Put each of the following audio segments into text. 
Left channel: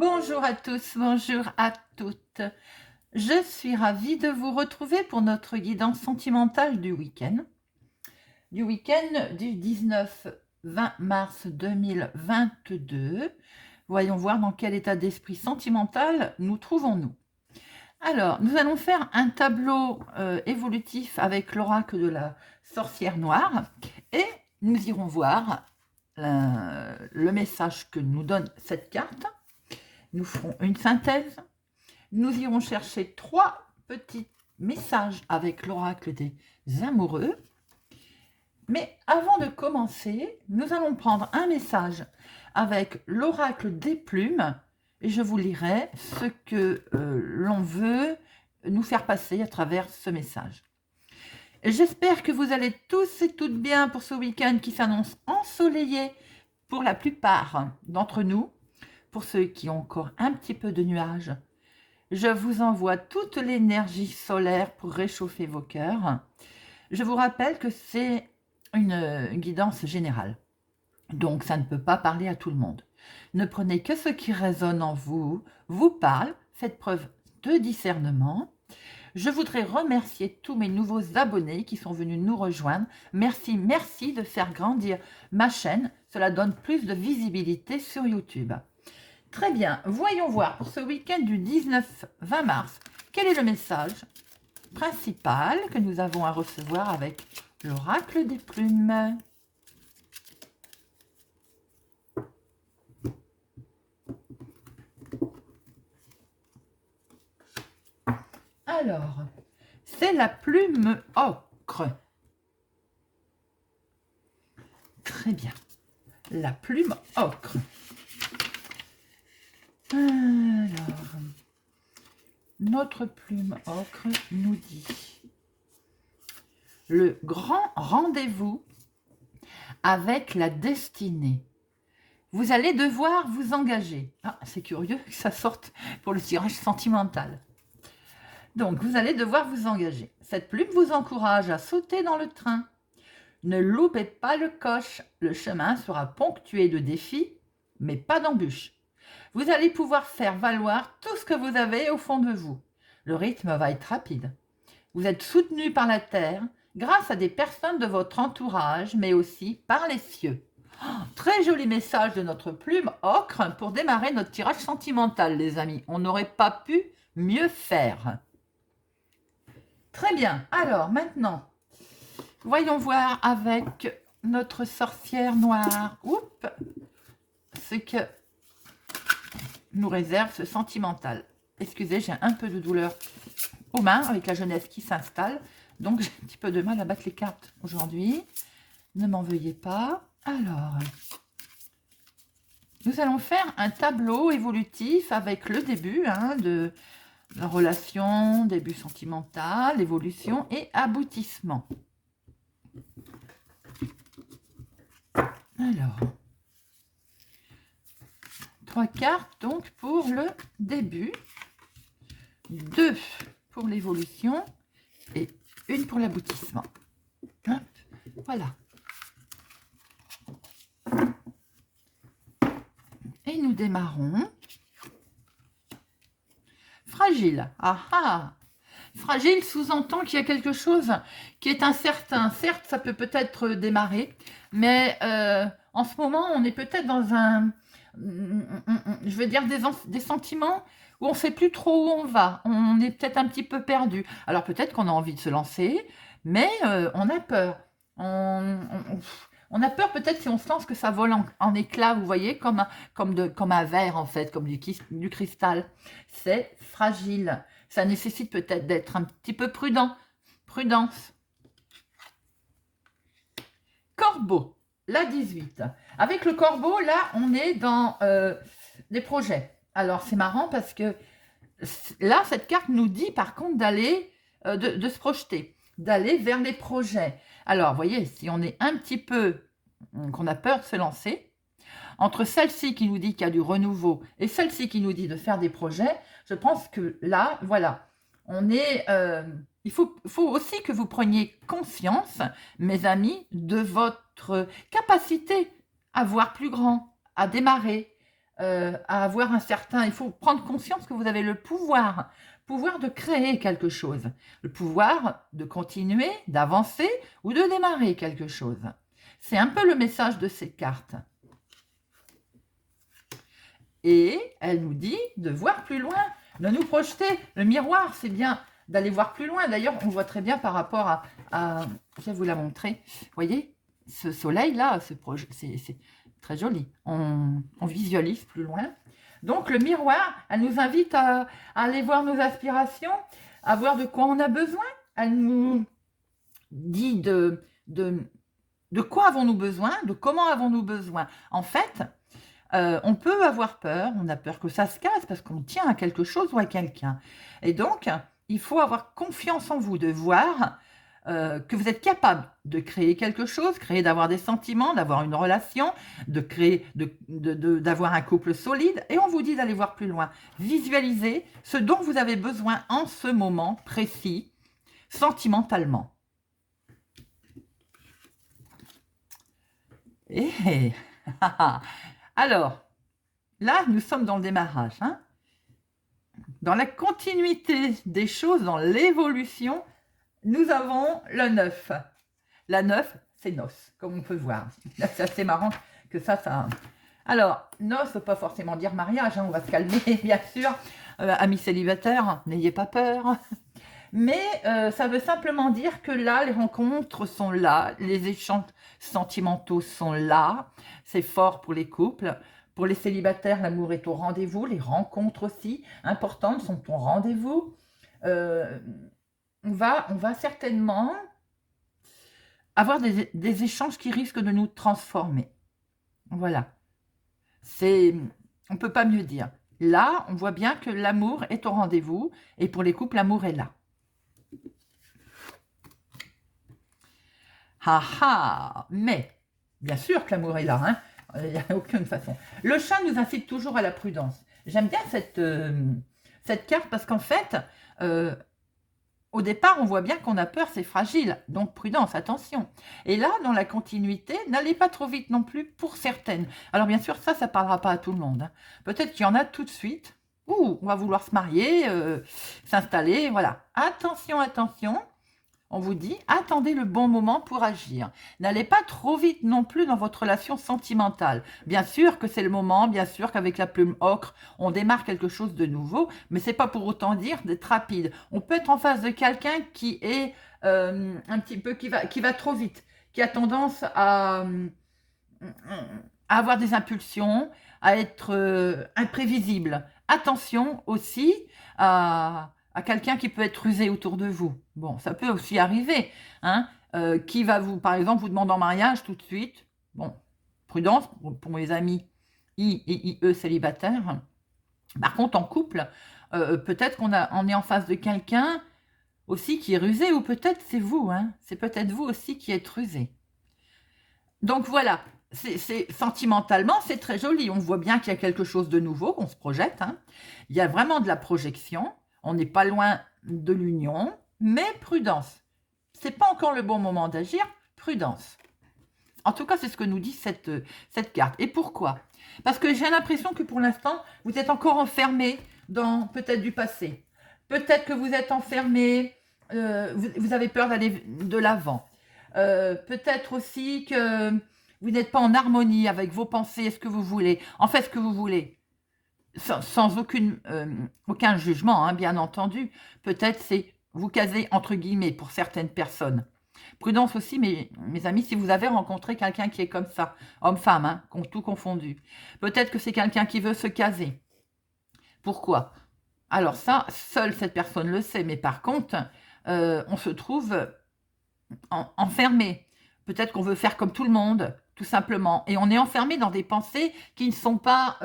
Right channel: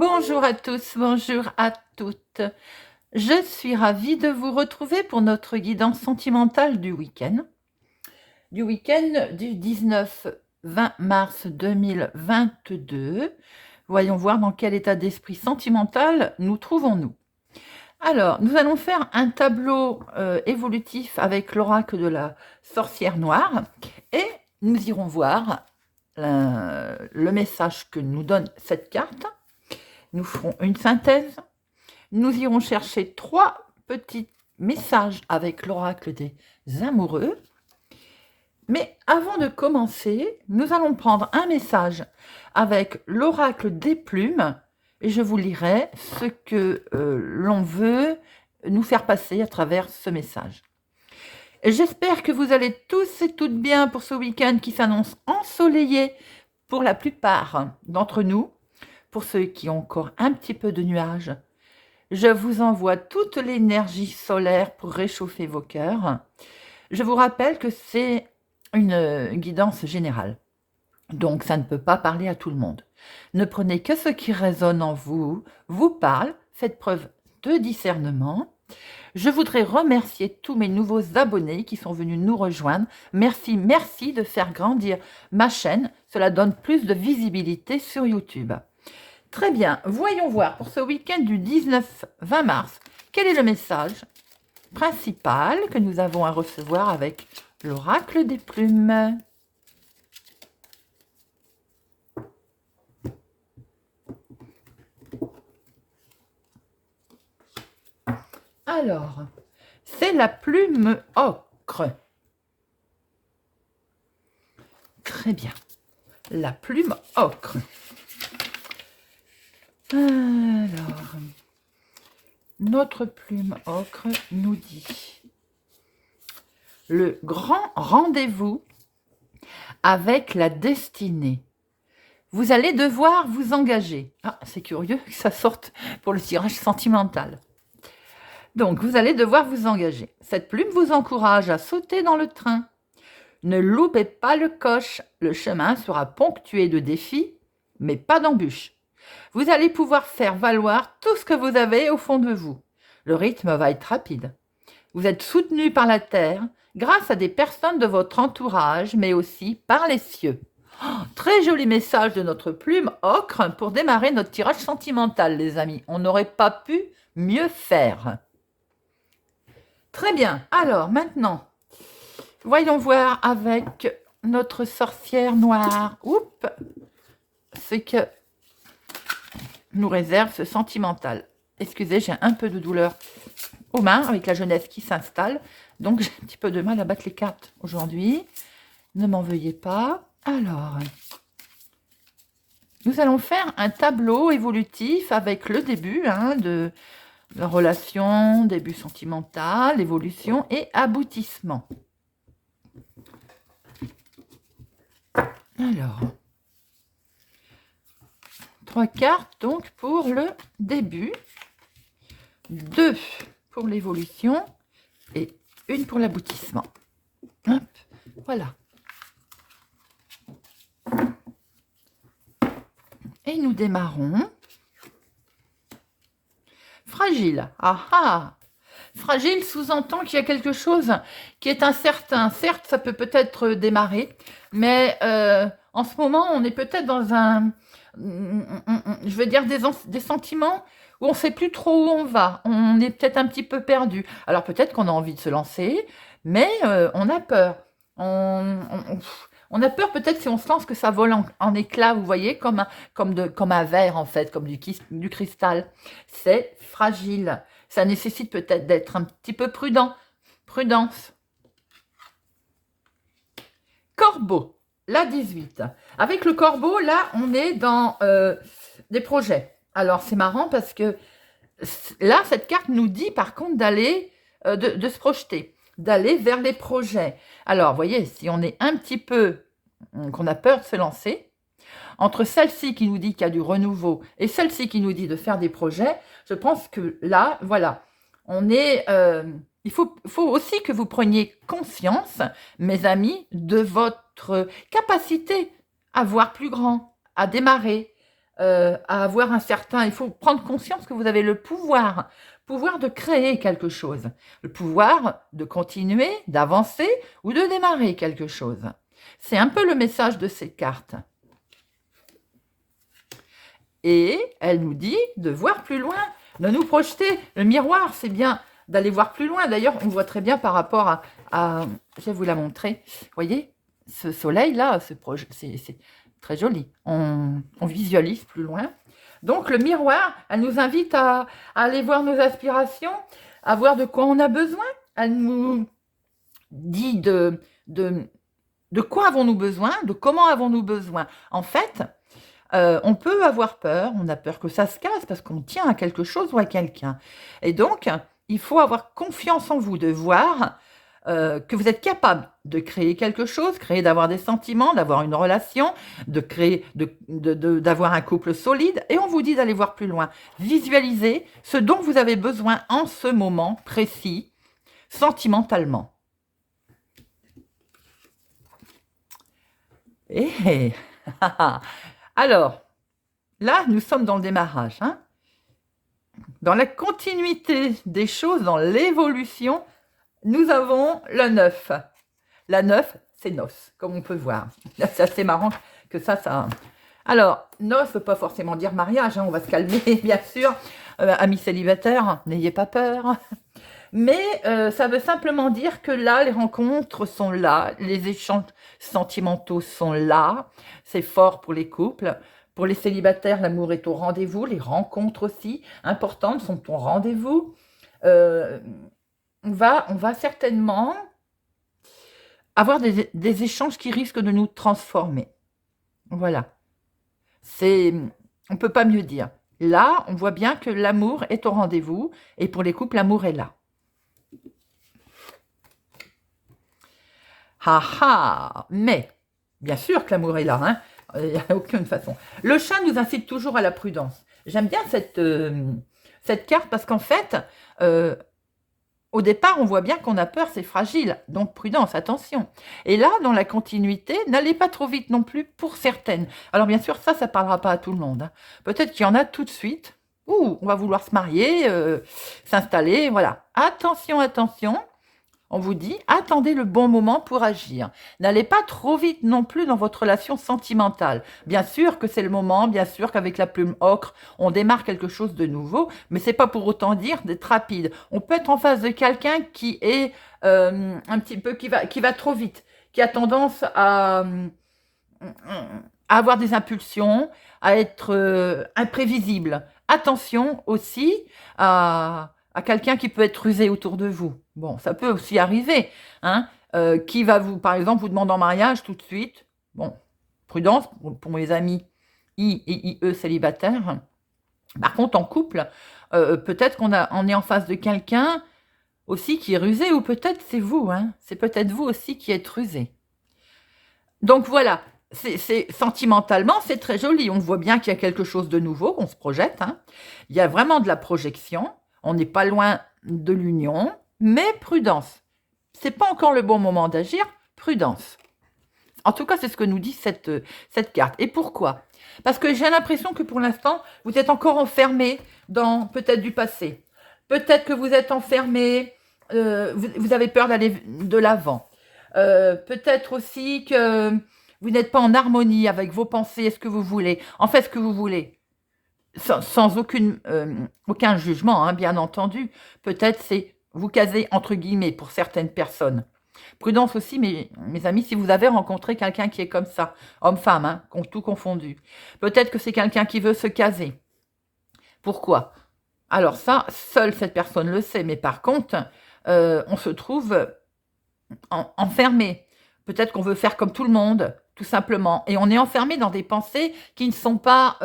Bonjour à tous, bonjour à toutes. Je suis ravie de vous retrouver pour notre guidance sentimentale du week-end. Du 19-20 mars 2022. Voyons voir dans quel état d'esprit sentimental nous trouvons-nous. Alors, nous allons faire un tableau évolutif avec l'oracle de la sorcière noire et nous irons voir le message que nous donne cette carte. Nous ferons une synthèse. Nous irons chercher 3 petits messages avec l'oracle des amoureux. Mais avant de commencer, nous allons prendre un message avec l'oracle des plumes et je vous lirai ce que l'on veut nous faire passer à travers ce message. Et j'espère que vous allez tous et toutes bien pour ce week-end qui s'annonce ensoleillé pour la plupart d'entre nous. Pour ceux qui ont encore un petit peu de nuages, je vous envoie toute l'énergie solaire pour réchauffer vos cœurs. Je vous rappelle que c'est une guidance générale, donc ça ne peut pas parler à tout le monde. Ne prenez que ce qui résonne en vous, vous parle, faites preuve de discernement. Je voudrais remercier tous mes nouveaux abonnés qui sont venus nous rejoindre. Merci de faire grandir ma chaîne. Cela donne plus de visibilité sur YouTube. Très bien, voyons voir pour ce week-end du 19-20 mars, quel est le message principal que nous avons à recevoir avec l'oracle des plumes. Alors, c'est la plume ocre. Très bien, la plume ocre. Alors, notre plume ocre nous dit le grand rendez-vous avec la destinée. Vous allez devoir vous engager. Ah, c'est curieux que ça sorte pour le tirage sentimental. Donc, vous allez devoir vous engager. Cette plume vous encourage à sauter dans le train. Ne loupez pas le coche. Le chemin sera ponctué de défis, mais pas d'embûches. Vous allez pouvoir faire valoir tout ce que vous avez au fond de vous. Le rythme va être rapide. Vous êtes soutenu par la terre grâce à des personnes de votre entourage, mais aussi par les cieux. Oh, très joli message de notre plume ocre pour démarrer notre tirage sentimental, les amis. On n'aurait pas pu mieux faire. Très bien. Alors, maintenant, voyons voir avec notre sorcière noire. Oups, ce que nous réserve ce sentimental. Excusez, j'ai un peu de douleur aux mains avec la jeunesse qui s'installe. Donc, j'ai un petit peu de mal à battre les cartes aujourd'hui. Ne m'en veuillez pas. Alors, nous allons faire un tableau évolutif avec le début de la relation, début sentimental, évolution et aboutissement. Alors, 3 cartes donc pour le début, 2 pour l'évolution et 1 pour l'aboutissement. Hop, voilà. Et nous démarrons. Fragile. Ah ah. Fragile sous-entend qu'il y a quelque chose qui est incertain. Certes, ça peut peut-être démarrer, mais en ce moment, on est peut-être dans un... je veux dire des sentiments où on ne sait plus trop où on va. On est peut-être un petit peu perdu. Alors peut-être qu'on a envie de se lancer, mais on a peur. On a peur peut-être si on se lance que ça vole en éclats, vous voyez, comme un verre en fait, comme du cristal. C'est fragile. Ça nécessite peut-être d'être un petit peu prudent. Prudence. Corbeau, la 18. Avec le corbeau, là, on est dans des projets. Alors, c'est marrant parce que là, cette carte nous dit par contre d'aller, de se projeter, d'aller vers les projets. Alors, vous voyez, si on est un petit peu, qu'on a peur de se lancer, entre celle-ci qui nous dit qu'il y a du renouveau et celle-ci qui nous dit de faire des projets, je pense que là, voilà, on est... il faut aussi que vous preniez conscience, mes amis, de votre capacité à voir plus grand, à démarrer, à avoir un certain... Il faut prendre conscience que vous avez le pouvoir de créer quelque chose, le pouvoir de continuer, d'avancer ou de démarrer quelque chose. C'est un peu le message de ces cartes. Et elle nous dit de voir plus loin, de nous projeter. Le miroir, c'est bien d'aller voir plus loin. D'ailleurs, on voit très bien par rapport je vais vous la montrer. Vous voyez, ce soleil-là, c'est très joli. On visualise plus loin. Donc, le miroir, elle nous invite à aller voir nos aspirations, à voir de quoi on a besoin. Elle nous dit de quoi avons-nous besoin, de comment avons-nous besoin. En fait, on peut avoir peur, on a peur que ça se casse parce qu'on tient à quelque chose ou à quelqu'un. Et donc, il faut avoir confiance en vous, de voir que vous êtes capable de créer quelque chose, d'avoir des sentiments, d'avoir une relation, de créer, d'avoir un couple solide. Et on vous dit d'aller voir plus loin. Visualisez ce dont vous avez besoin en ce moment précis, sentimentalement. Et alors, là, nous sommes dans le démarrage. Hein, dans la continuité des choses, dans l'évolution, nous avons la 9. La 9, c'est noces, comme on peut voir. C'est assez marrant que ça... Alors, noces, ne veut pas forcément dire mariage, hein, on va se calmer, bien sûr. Amis célibataires, n'ayez pas peur. Mais ça veut simplement dire que là, les rencontres sont là, les échanges sentimentaux sont là. C'est fort pour les couples. Pour les célibataires, l'amour est au rendez-vous. Les rencontres aussi, importantes, sont au rendez-vous. On va certainement avoir des échanges qui risquent de nous transformer. Voilà. On ne peut pas mieux dire. Là, on voit bien que l'amour est au rendez-vous. Et pour les couples, l'amour est là. Ah ah, mais, bien sûr que l'amour est là, hein, il n'y a aucune façon. Le chat nous incite toujours à la prudence. J'aime bien cette carte parce qu'en fait, au départ, on voit bien qu'on a peur, c'est fragile, donc prudence, attention. Et là, dans la continuité, n'allez pas trop vite non plus pour certaines. Alors bien sûr, ça ne parlera pas à tout le monde. Hein. Peut-être qu'il y en a tout de suite, ou on va vouloir se marier, s'installer, voilà. Attention, attention. On vous dit, attendez le bon moment pour agir. N'allez pas trop vite non plus dans votre relation sentimentale. Bien sûr que c'est le moment, bien sûr qu'avec la plume ocre, on démarre quelque chose de nouveau, mais c'est pas pour autant dire d'être rapide. On peut être en face de quelqu'un qui est un petit peu, qui va trop vite, qui a tendance à avoir des impulsions, à être imprévisible. Attention aussi à quelqu'un qui peut être rusé autour de vous. Bon, ça peut aussi arriver. Hein, qui va vous, par exemple, vous demander en mariage tout de suite. Bon, prudence pour mes amis I et IE célibataires. Par contre, en couple, peut-être qu'on est en face de quelqu'un aussi qui est rusé, ou peut-être c'est vous. Hein, c'est peut-être vous aussi qui êtes rusé. Donc voilà, sentimentalement, c'est très joli. On voit bien qu'il y a quelque chose de nouveau, qu'on se projette. Hein. Il y a vraiment de la projection. On n'est pas loin de l'union, mais prudence. Ce n'est pas encore le bon moment d'agir, prudence. En tout cas, c'est ce que nous dit cette carte. Et pourquoi? Parce que j'ai l'impression que pour l'instant, vous êtes encore enfermé dans peut-être du passé. Peut-être que vous êtes enfermé, vous avez peur d'aller de l'avant. Peut-être aussi que vous n'êtes pas en harmonie avec vos pensées et ce que vous voulez. En fait, ce que vous voulez. Sans aucun jugement, hein, bien entendu. Peut-être c'est vous caser entre guillemets pour certaines personnes. Prudence aussi, mes amis, si vous avez rencontré quelqu'un qui est comme ça, homme-femme, hein, tout confondu. Peut-être que c'est quelqu'un qui veut se caser. Pourquoi? Alors ça, seule cette personne le sait. Mais par contre, on se trouve enfermé. Peut-être qu'on veut faire comme tout le monde, tout simplement. Et on est enfermé dans des pensées qui ne sont pas...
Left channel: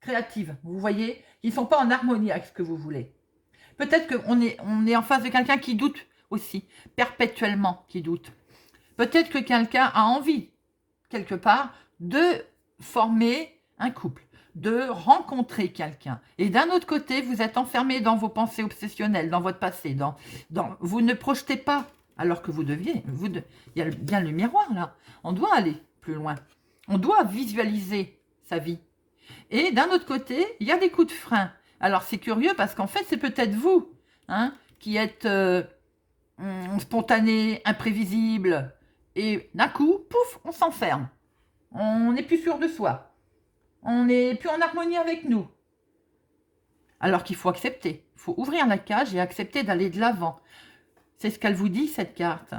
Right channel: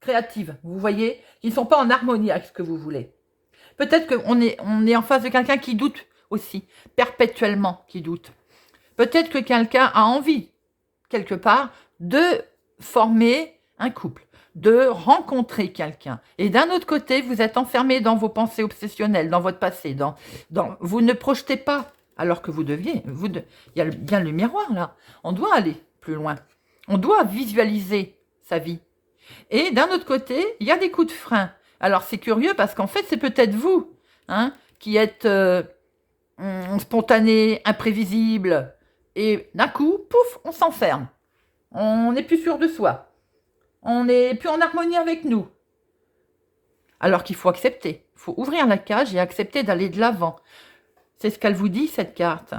créatives, vous voyez, qui ne sont pas en harmonie avec ce que vous voulez. Peut-être qu'on est en face de quelqu'un qui doute aussi, perpétuellement qui doute. Peut-être que quelqu'un a envie, quelque part, de former un couple, de rencontrer quelqu'un. Et d'un autre côté, vous êtes enfermé dans vos pensées obsessionnelles, dans votre passé, vous ne projetez pas, alors que vous deviez. Il y a bien le miroir, là. On doit aller plus loin. On doit visualiser sa vie. Et d'un autre côté, il y a des coups de frein. Alors c'est curieux parce qu'en fait, c'est peut-être vous hein, qui êtes spontané, imprévisible, et d'un coup, pouf, on s'enferme. On n'est plus sûr de soi. On n'est plus en harmonie avec nous. Alors qu'il faut accepter. Il faut ouvrir la cage et accepter d'aller de l'avant. C'est ce qu'elle vous dit, cette carte.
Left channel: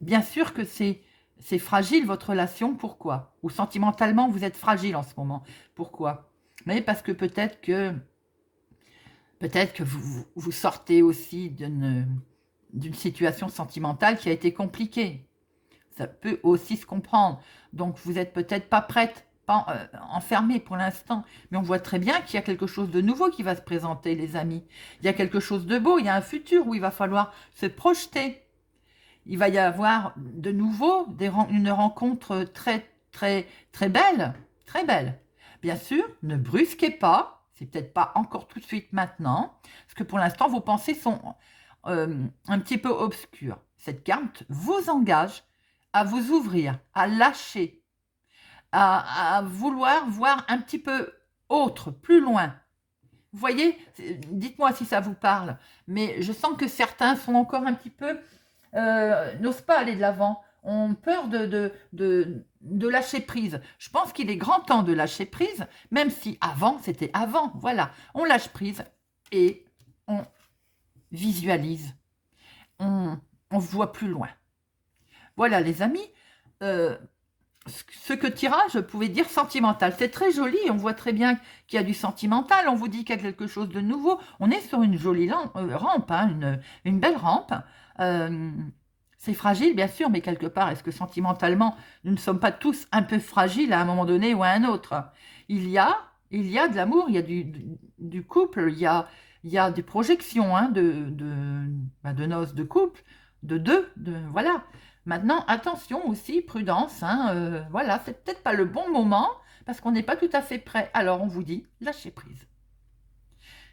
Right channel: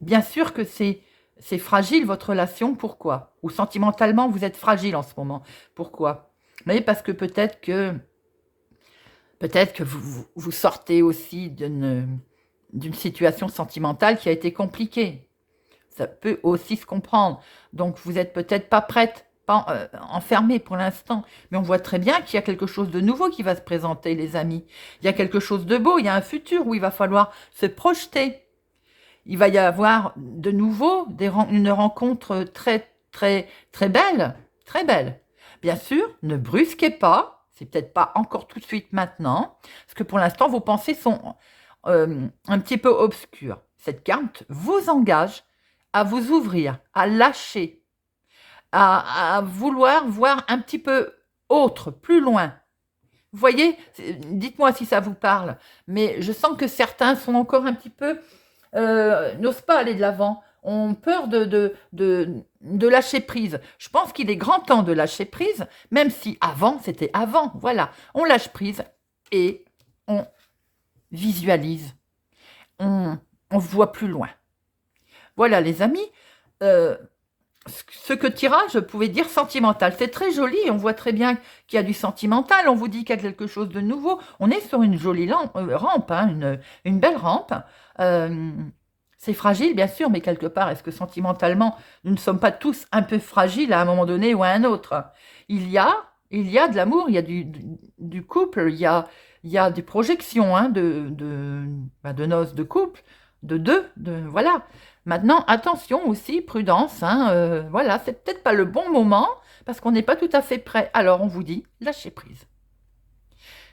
Bien sûr que c'est fragile, votre relation. Pourquoi? Ou sentimentalement, vous êtes fragile en ce moment. Pourquoi? Mais parce que peut-être que vous sortez aussi d'une situation sentimentale qui a été compliquée. Ça peut aussi se comprendre. Donc, vous n'êtes peut-être pas prête, pas enfermée pour l'instant. Mais on voit très bien qu'il y a quelque chose de nouveau qui va se présenter, les amis. Il y a quelque chose de beau, il y a un futur où il va falloir se projeter. Il va y avoir de nouveau une rencontre très, très, très belle. Très belle. Bien sûr, ne brusquez pas. C'est peut-être pas encore tout de suite maintenant. Parce que pour l'instant, vos pensées sont un petit peu obscures. Cette carte vous engage à vous ouvrir, à lâcher, à vouloir voir un petit peu autre, plus loin. Vous voyez, dites-moi si ça vous parle, mais je sens que certains sont encore un petit peu, n'osent pas aller de l'avant, ont peur de lâcher prise. Je pense qu'il est grand temps de lâcher prise, même si avant, c'était avant. Voilà, on lâche prise et on visualise, on voit plus loin. Voilà les amis, ce que tirage pouvait dire sentimental. C'est très joli, on voit très bien qu'il y a du sentimental, on vous dit qu'il y a quelque chose de nouveau. On est sur une jolie rampe, hein, une belle rampe. C'est fragile bien sûr, mais quelque part, est-ce que sentimentalement, nous ne sommes pas tous un peu fragiles à un moment donné ou à un autre? Il y a de l'amour, il y a du couple, il y a des projections hein, de noces de couple, de deux, voilà. Maintenant, attention aussi, prudence, hein, voilà, c'est peut-être pas le bon moment parce qu'on n'est pas tout à fait prêt. Alors, on vous dit, lâchez prise.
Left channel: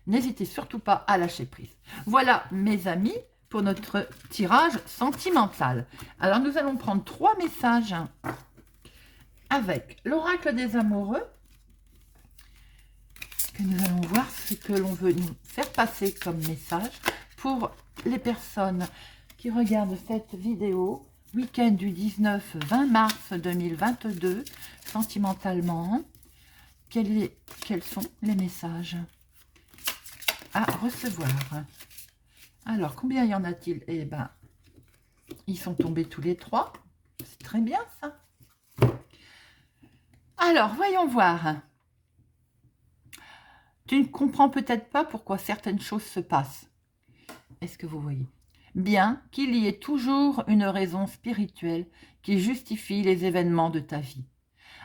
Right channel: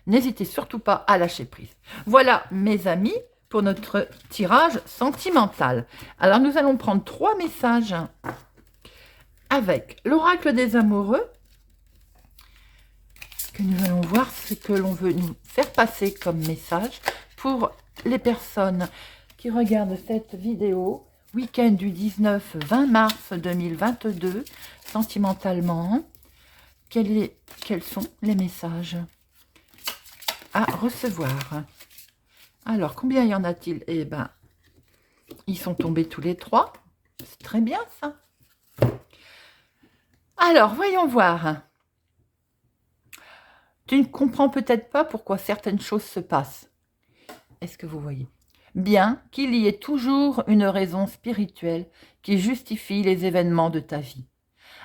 N'hésitez surtout pas à lâcher prise. Voilà, mes amis, pour notre tirage sentimental. Alors, nous allons prendre 3 messages avec l'oracle des amoureux. Que nous allons voir ce que l'on veut nous faire passer comme message pour les personnes qui regardent cette vidéo. Week-end du 19-20 mars 2022, sentimentalement, quels sont les messages à recevoir? Alors, combien y en a-t-il? Eh bien, ils sont tombés tous les 3. C'est très bien, ça. Alors, voyons voir. Tu ne comprends peut-être pas pourquoi certaines choses se passent. Est-ce que vous voyez? Bien qu'il y ait toujours une raison spirituelle qui justifie les événements de ta vie.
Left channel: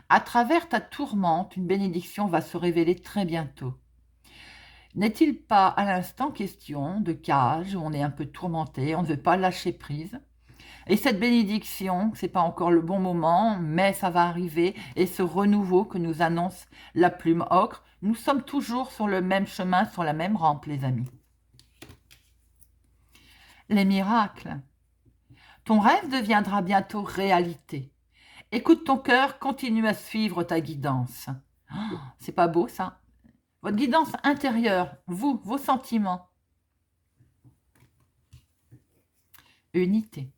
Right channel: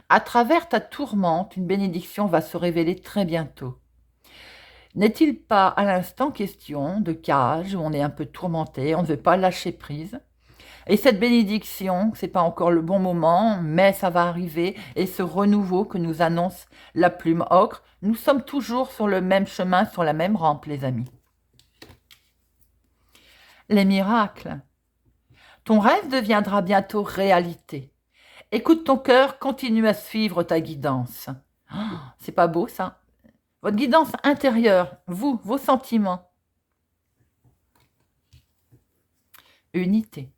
À travers ta tourmente, une bénédiction va se révéler très bientôt. N'est-il pas à l'instant question de cage où on est un peu tourmenté, on ne veut pas lâcher prise? Et cette bénédiction, ce n'est pas encore le bon moment, mais ça va arriver. Et ce renouveau que nous annonce la plume ocre, nous sommes toujours sur le même chemin, sur la même rampe, les amis. Les miracles. Ton rêve deviendra bientôt réalité. Écoute ton cœur, continue à suivre ta guidance. Oh, c'est pas beau ça? Votre guidance intérieure, vous, vos sentiments. Unité.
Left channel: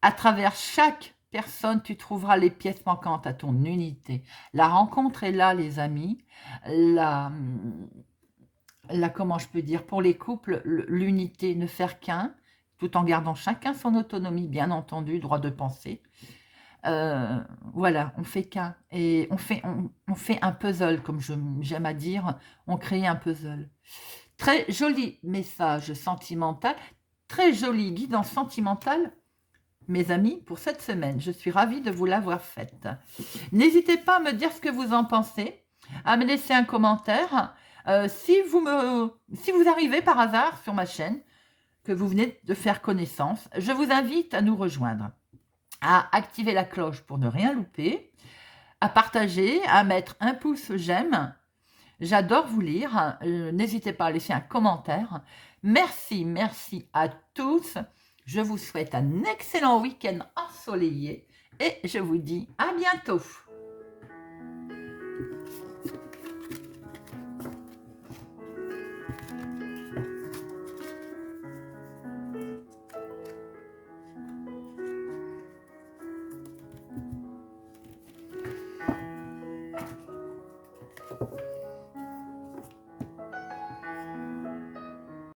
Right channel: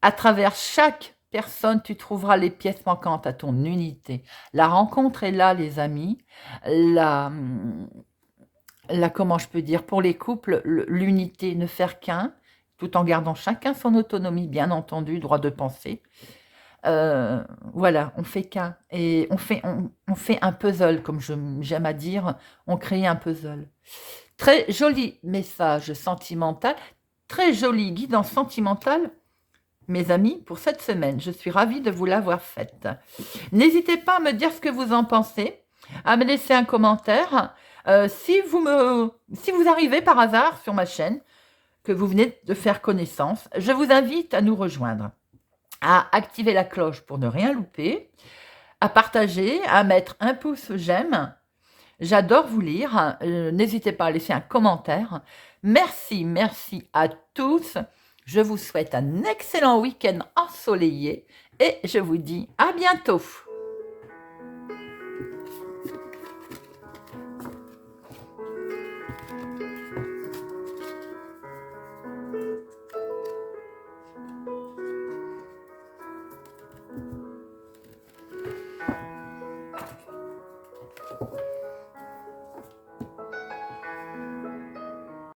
À travers chaque personne, tu trouveras les pièces manquantes à ton unité. La rencontre est là, les amis. Comment je peux dire, pour les couples, l'unité, ne faire qu'un, tout en gardant chacun son autonomie, bien entendu, droit de penser. Voilà, on fait qu'un. Et on fait un puzzle, comme j'aime à dire, on crée un puzzle. Très joli message sentimental, très joli guidance sentimentale, mes amis, pour cette semaine. Je suis ravie de vous l'avoir faite. N'hésitez pas à me dire ce que vous en pensez, à me laisser un commentaire. Si vous arrivez par hasard sur ma chaîne, que vous venez de faire connaissance, je vous invite à nous rejoindre, à activer la cloche pour ne rien louper, à partager, à mettre un pouce j'aime. J'adore vous lire. N'hésitez pas à laisser un commentaire. Merci à tous. Je vous souhaite un excellent week-end ensoleillé et je vous dis à bientôt.